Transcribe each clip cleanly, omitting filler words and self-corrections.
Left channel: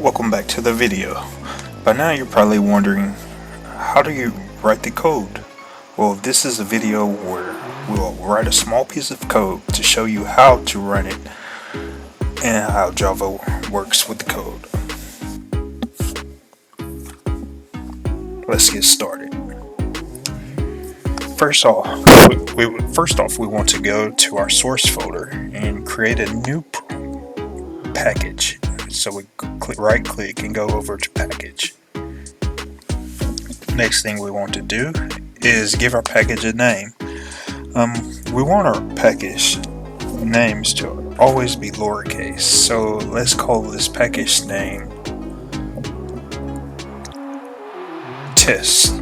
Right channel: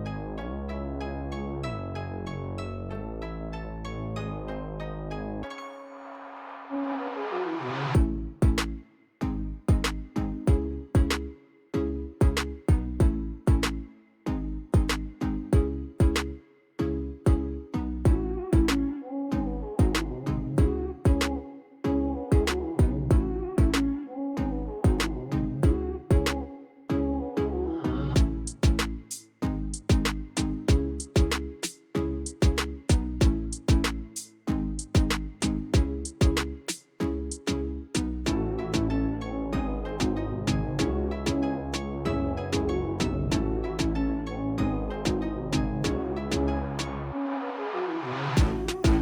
Welcome back to the video. By now you're probably wondering, how do you write the code? Well, this is a video where we'll write a small piece of code to show you how to run it and how Java works with the code. Let's get started. First off, we want to go to our source folder and create a new package. So we right click and go over to package. Next thing we want to do is give our package a name. We want our package names to always be lowercase, so let's call this package name test.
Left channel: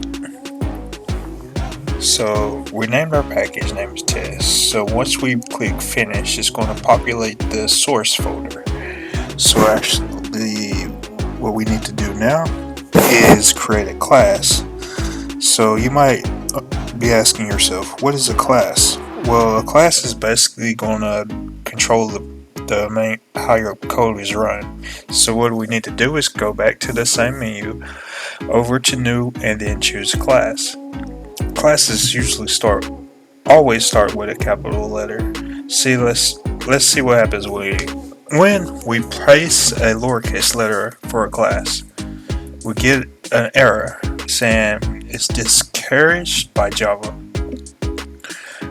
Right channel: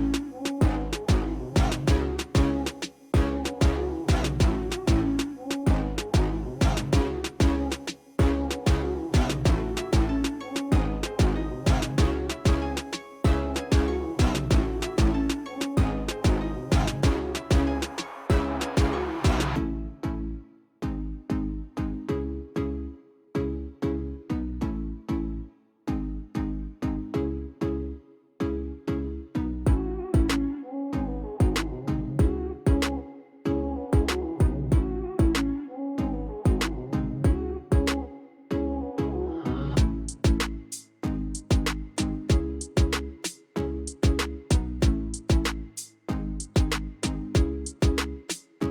So we named our package name as test. So once we click finish, it's going to populate the source folder. So actually what we need to do now is create a class. So you might be asking yourself, what is a class? Well, a class is basically going to control the main how your code is run. So what we need to do is go back to the same menu, over to new, and then choose class. Classes usually always start with a capital letter. Let's see what happens when we place a lowercase letter for a class. We get an error saying it's discouraged by Java.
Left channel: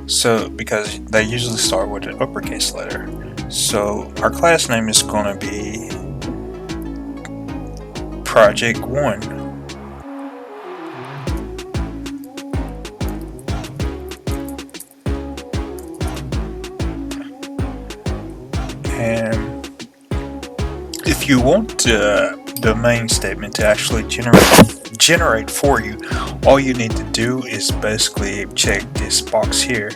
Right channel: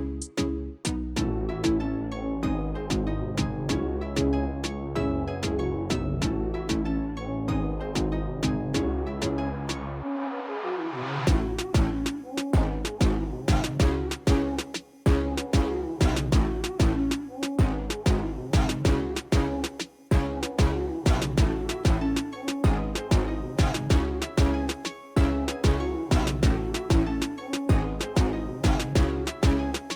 So because they usually start with an uppercase letter. So our class name is going to be Project 1. If you want the main statement to actually generate for you, all you need to do is basically check this box here,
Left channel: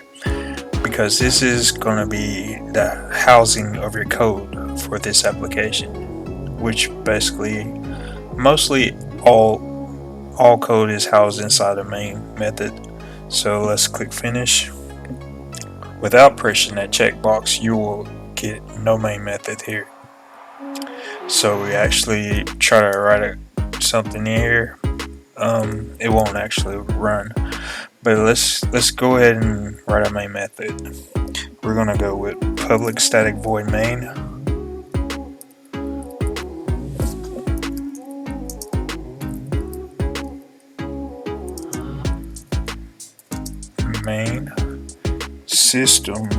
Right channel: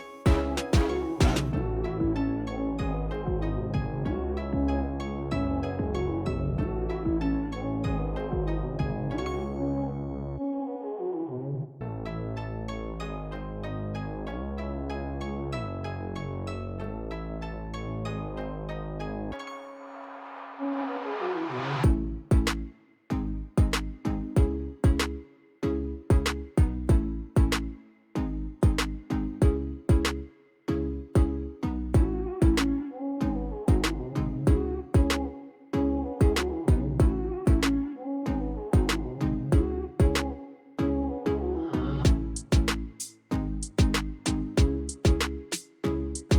because this is going to be the housing of your code for this application, which basically mostly all code is housed inside the main method. So let's click finish. Without pressing that checkbox, you will get no main method here. So we actually try to write something here. It won't actually run. But let's go ahead and write our main method. We're gonna go with public static void main. Main system.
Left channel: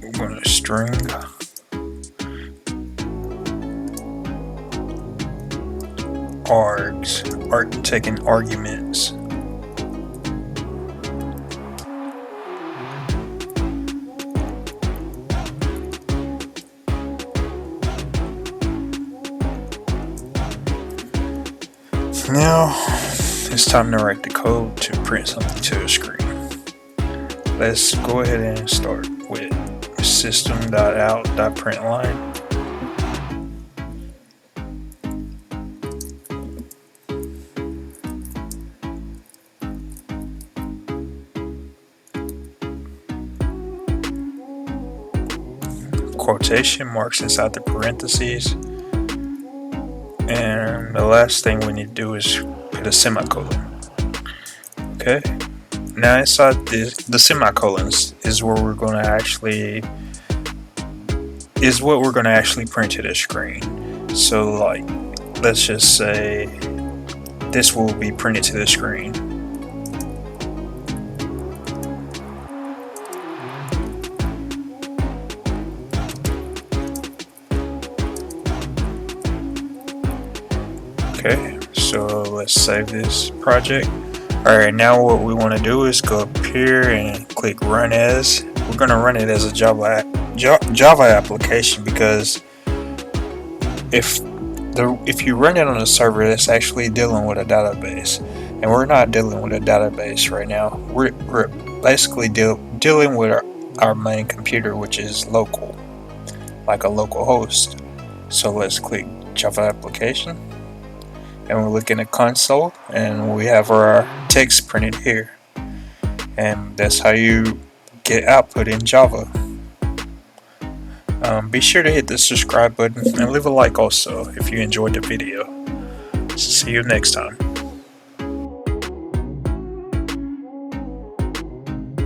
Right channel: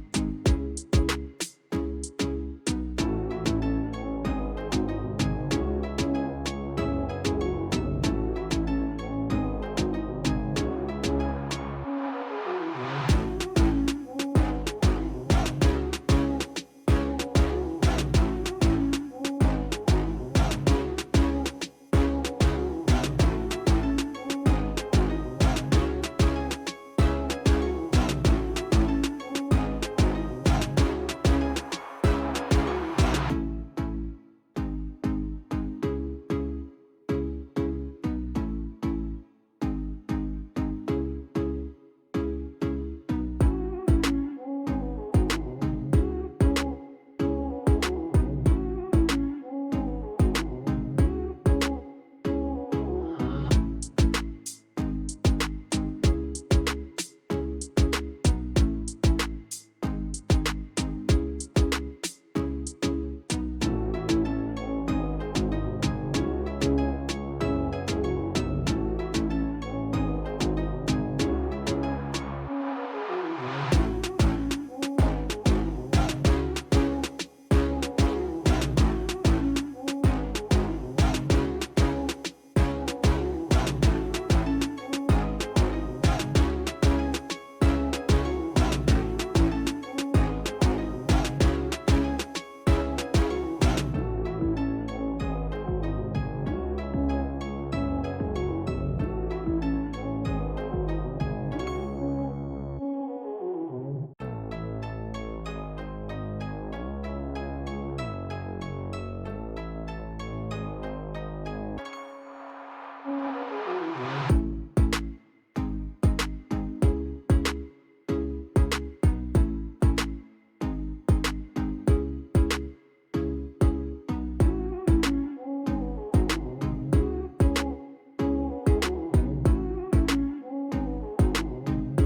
We're gonna string taking arguments. Now it's time to write the code to print something to the screen. Let's go ahead and start with system.out.println. Quotation marks inside the parentheses, and the last thing we need to do is put a semicolon. Okay, now inside the semicolons is where we're going to actually print to the screen. So like, let's just say this will be printed to the screen. Okay, so let's save this project. Alright, now what we want to do is go up here and click run as. We're going to run it as a Java application, because if you run it on a server, that's actually dealing with a database, and we're not dealing with a database right now. We're basically dealing with our main computer, which is local, like a local host. So let's click Java application. And we look in the console, and we have our text printed here, and that's how you get output in Java. Be sure to hit the subscribe button and leave a like also if you enjoyed the video. See you next time.